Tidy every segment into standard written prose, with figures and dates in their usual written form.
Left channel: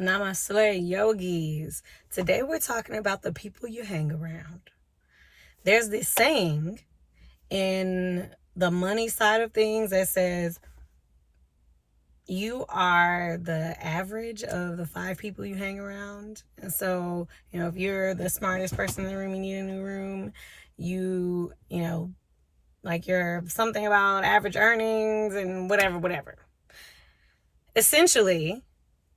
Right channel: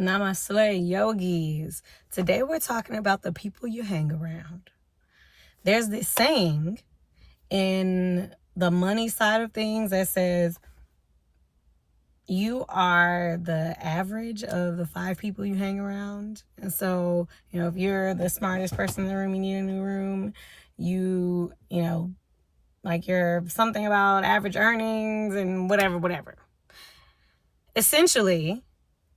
Namaste, yogis. Today we're talking about the people you hang around. There's this saying in the money side of things that says you are the average of the 5 people you hang around. And so, if you're the smartest person in the room, you need a new room. You're something about average earnings and whatever. Essentially,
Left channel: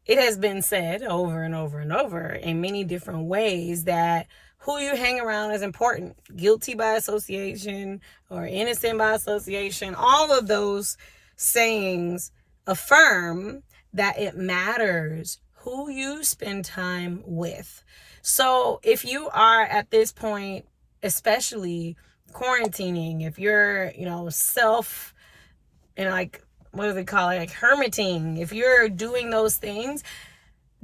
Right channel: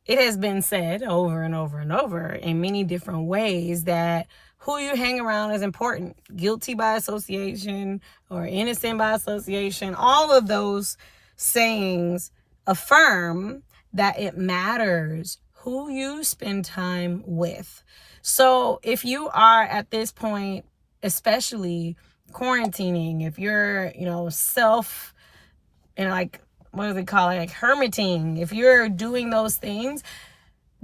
it has been said over and over and over in many different ways that who you hang around is important. Guilty by association or innocent by association. All of those sayings affirm that it matters who you spend time with. So if you are at this point, especially quarantining, if you're, what do they call it? Like hermiting. If you're doing those things,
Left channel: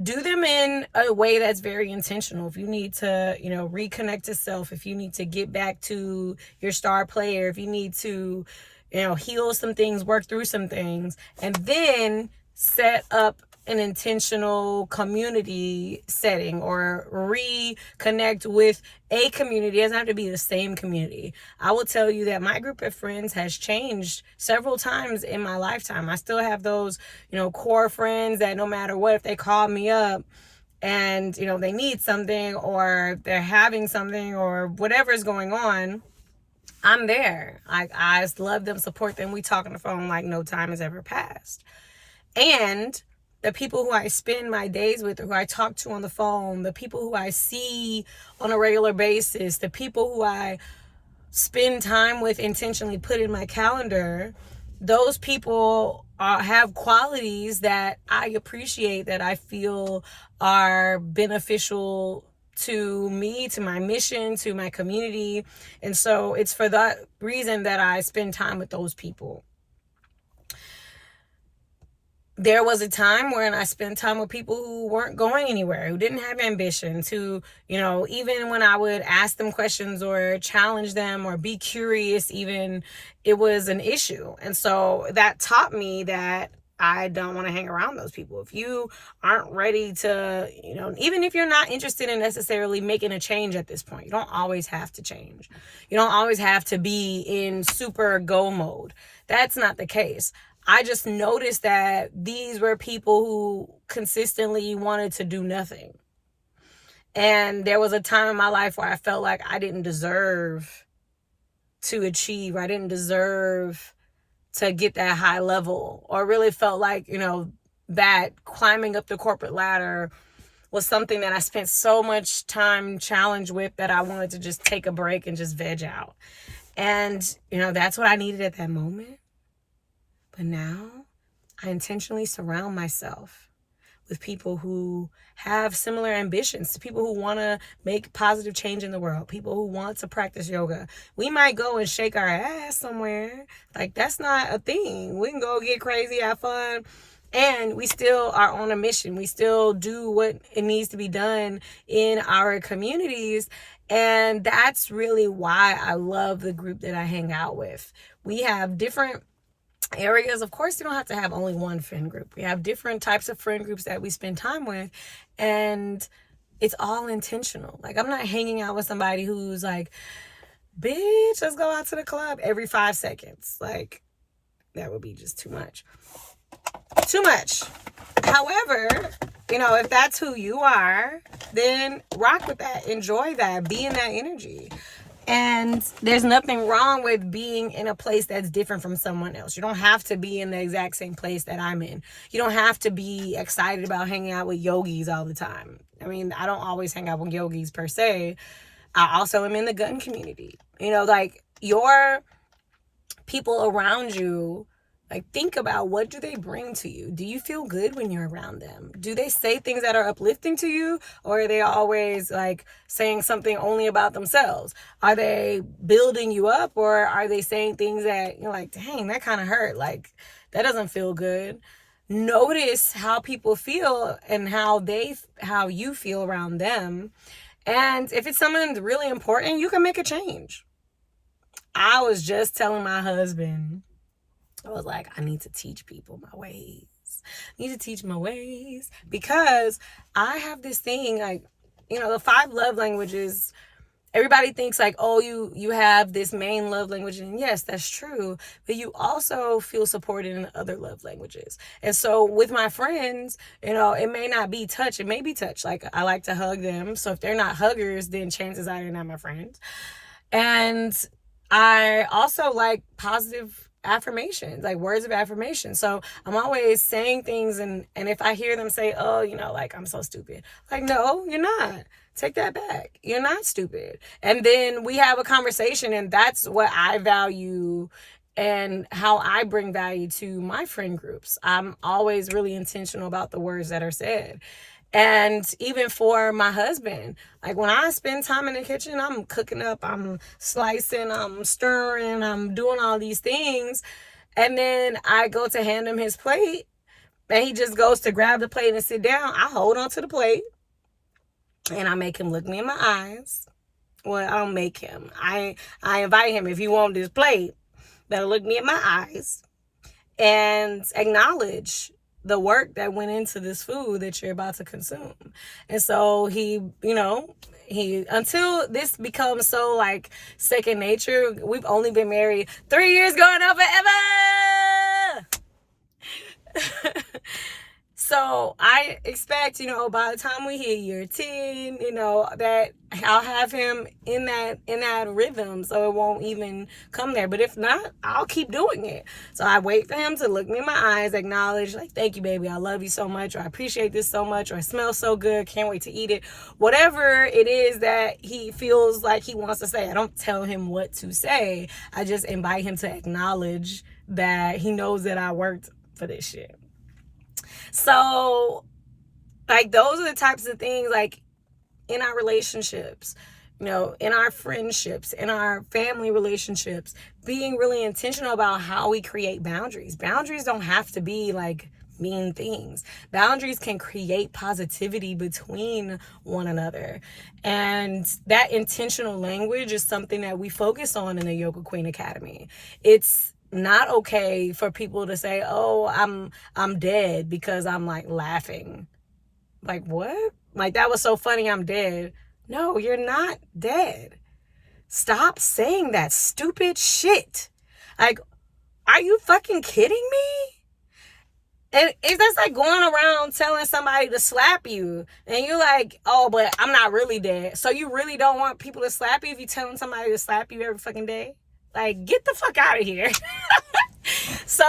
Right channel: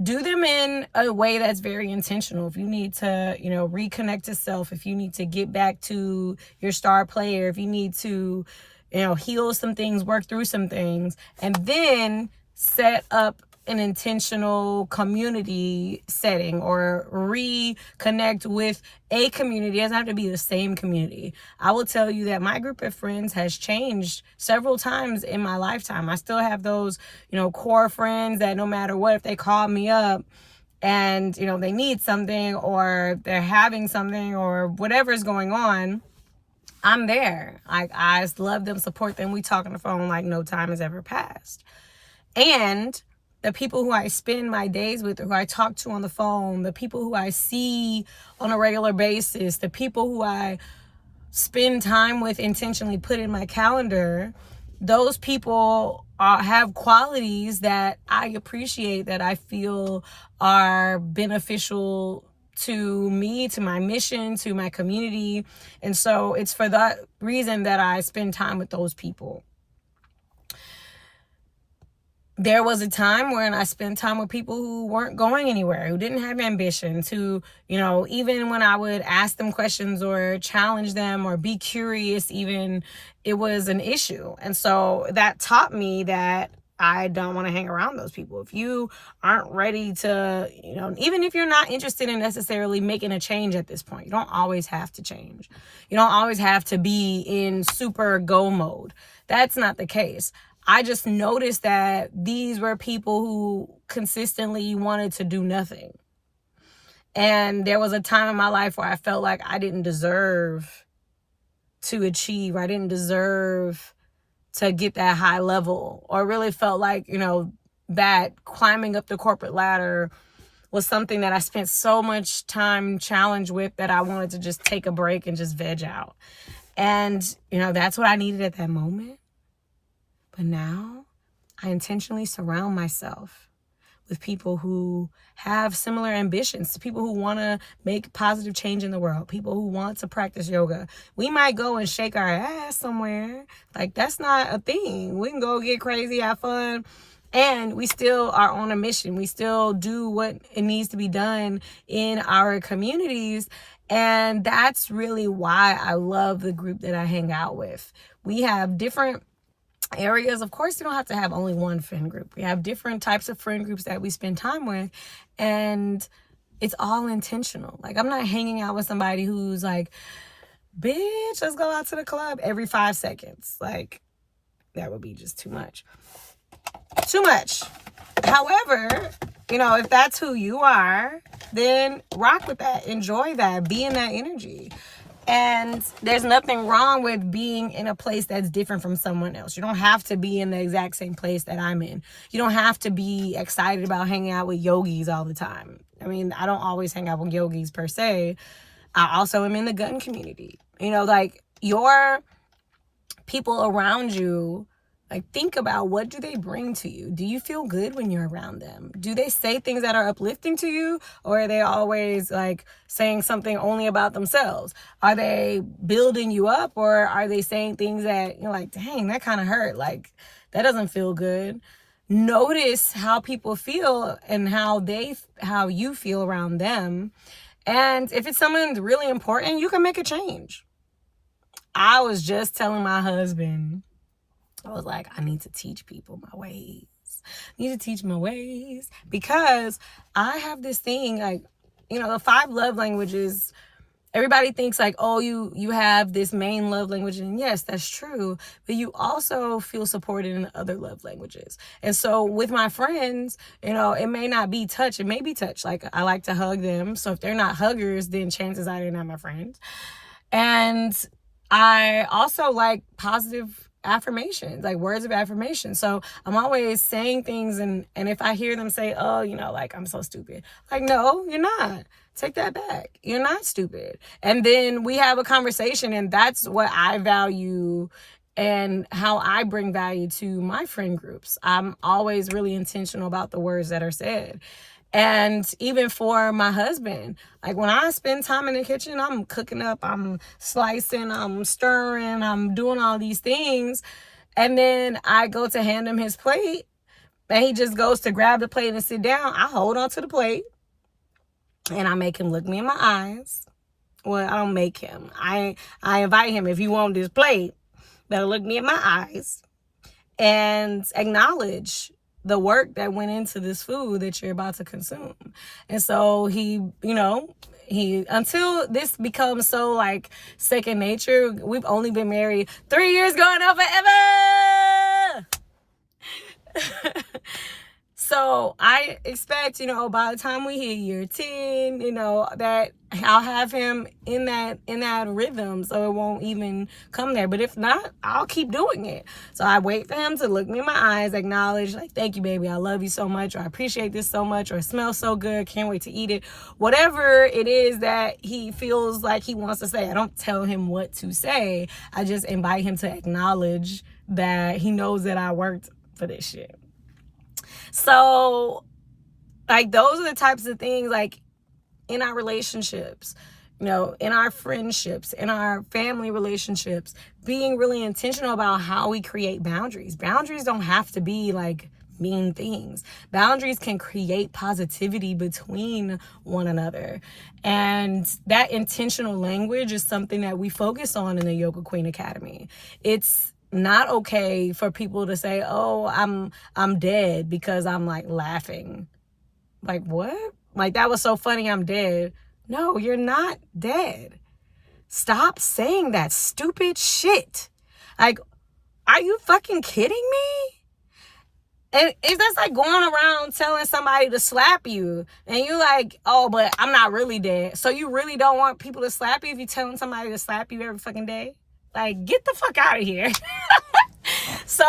do them in a way that's very intentional. If you need to, reconnect to self, if you need to get back to your star player, if you need to, heal some things, work through some things, and then set up an intentional community setting or reconnect with a community. It doesn't have to be the same community. I will tell you that my group of friends has changed several times in my lifetime. I still have those, core friends that no matter what, if they call me up and, they need something or they're having something or whatever is going on, I'm there. I just love them, support them. We talk on the phone like no time has ever passed. And the people who I spend my days with, who I talk to on the phone, the people who I see on a regular basis, the people who I spend time with, intentionally put in my calendar, those people have qualities that I appreciate, that I feel are beneficial to me, to my mission, to my community. And so it's for that reason that I spend time with those people. There was a time when I spent time with people who weren't going anywhere, who didn't have ambitions, who, even when I would ask them questions or challenge them or be curious, even, it was an issue. And so that taught me that I don't want to hang around those people. If you aren't ready to, even if you're not interested in necessarily making a change at this point, you don't always have to change. You don't always have to be in super go mode. That's not the case. I just noticed that these were people who consistently wanted to do nothing. And there was a time in my life where I felt like I didn't deserve to achieve. I didn't deserve to get that high level, or really felt like, that climbing up the corporate ladder was something that I spent so much time challenged with that I wanted to just take a break and just veg out. And, that's what I needed at that moment. But now I intentionally surround myself with people who have similar ambitions, to people who want to make positive change in the world, people who want to practice yoga. We might go and shake our ass somewhere. Like, that's not a thing. We can go get crazy, have fun, and we still are on a mission. We still do what it needs to be done in our communities. And that's really why I love the group that I hang out with. We have different areas. Of course, you don't have to have only one friend group. We have different types of friend groups that we spend time with, and it's all intentional. Like, I'm not hanging out with somebody who's like, bitch, let's go out to the club every 5 seconds. Like, that would be just too much. However, if that's who you are, then rock with that, enjoy that, be in that energy. And there's nothing wrong with being in a place that's different from someone else. You don't have to be in the exact same place that I'm in. You don't have to be excited about hanging out with yogis all the time. I mean, I don't always hang out with yogis per se. I also am in the gun community. Your people around you, think about, what do they bring to you? Do you feel good when you're around them? Do they say things that are uplifting to you? Or are they always saying something only about themselves? Are they building you up? Or are they saying things that you're like, dang, that kind of hurt. That doesn't feel good. Notice how people feel and how you feel around them. And if it's something that's really important, you can make a change. I was just telling my husband, I was like, I need to teach people my ways. I need to teach my ways. Because I have this thing, like, the 5 love languages. Everybody thinks like, oh, you have this main love language, and yes, that's true, but you also feel supported in other love languages. And so with my friends, it may not be touch, it may be touch. Like, I like to hug them, so if they're not huggers, then chances are they're not my friends. And I also like positive affirmations, like words of affirmation. So I'm always saying things, and if I hear them say, oh, like, I'm so stupid, like, no, you're not. Take that back. You're not stupid. And then we have a conversation, and that's what I value and how I bring value to my friend groups. I'm always really intentional about the words that are said. And even for my husband, like, when I spend time in the kitchen, I'm cooking up, I'm slicing, I'm stirring, I'm doing all these things. And then I go to hand him his plate, and he just goes to grab the plate and sit down. I hold on to the plate, and I make him look me in my eyes. Well, I don't make him. I invite him. If you want this plate, better look me in my eyes and acknowledge the work that went into this food that you're about to consume. And so he until this becomes so like second nature, we've only been married 3 years, going on forever. So I expect, by the time we hit year 10, that I'll have him in that rhythm, so it won't even come there. But if not, I'll keep doing it. So I wait for him to look me in my eyes, acknowledge, like, thank you, baby, I love you so much, or I appreciate this so much, or it smells so good, can't wait to eat it. Whatever it is that he feels like he wants to say, I don't tell him what to say. I just invite him to acknowledge that he knows that I worked for this shit. So, like, those are the types of things, like, in our relationships, in our friendships, in our family relationships, being really intentional about how we create boundaries. Boundaries don't have to be, like, mean things. Boundaries can create positivity between one another. And that intentional language is something that we focus on in the Yoga Queen Academy. It's not okay for people to say, oh, I'm dead because I'm like laughing. Like, what? Like, that was so funny, I'm dead. No, you're not dead. Stop saying that stupid shit. Like, are you fucking kidding me? And it's just like going around telling somebody to slap you, and you're like, oh, but I'm not really dead. So you really don't want people to slap you if you're telling somebody to slap you every fucking day? Like, get the fuck out of here. So,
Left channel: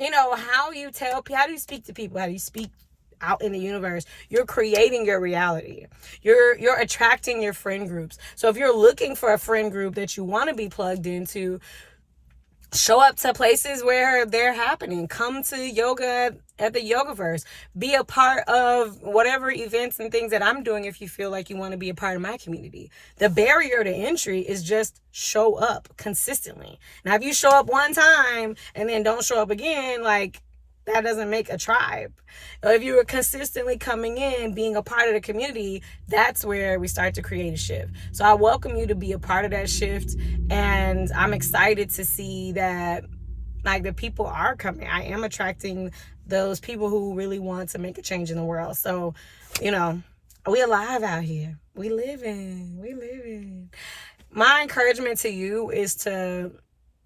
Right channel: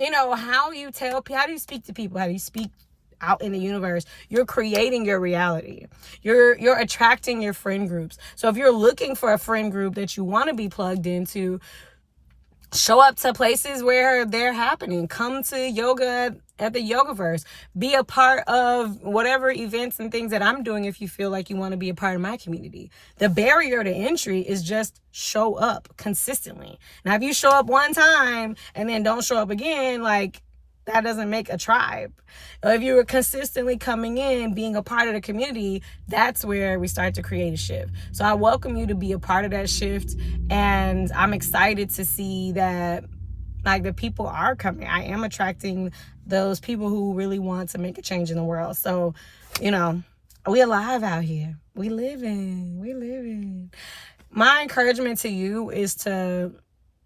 how you tell people, how do you speak to people? How do you speak out in the universe? You're creating your reality. You're attracting your friend groups. So if you're looking for a friend group that you want to be plugged into, show up to places where they're happening. Come to yoga at the Yogaverse. Be a part of whatever events and things that I'm doing if you feel like you want to be a part of my community. The barrier to entry is just show up consistently. Now, if you show up one time and then don't show up again, like, that doesn't make a tribe. If you were consistently coming in, being a part of the community, that's where we start to create a shift. So I welcome you to be a part of that shift. And I'm excited to see that, like, the people are coming. I am attracting those people who really want to make a change in the world. So, we alive out here. We living. My encouragement to you is to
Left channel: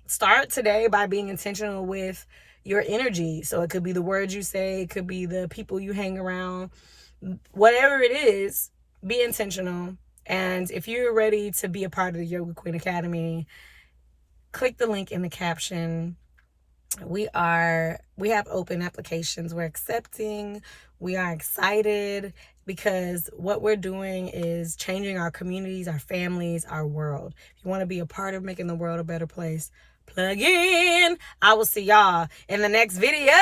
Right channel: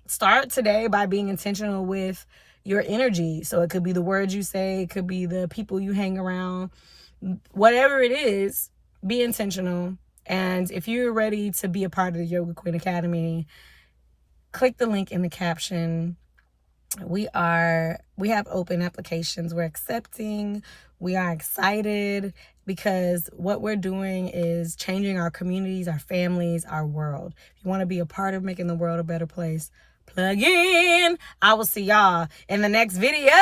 start today by being intentional with your energy. So it could be the words you say, it could be the people you hang around, whatever it is, be intentional. And if you're ready to be a part of the Yoga Queen Academy, click the link in the caption. We have open applications. We're accepting. We are excited because what we're doing is changing our communities, our families, our world. If you want to be a part of making the world a better place, plug in. I will see y'all in the next video.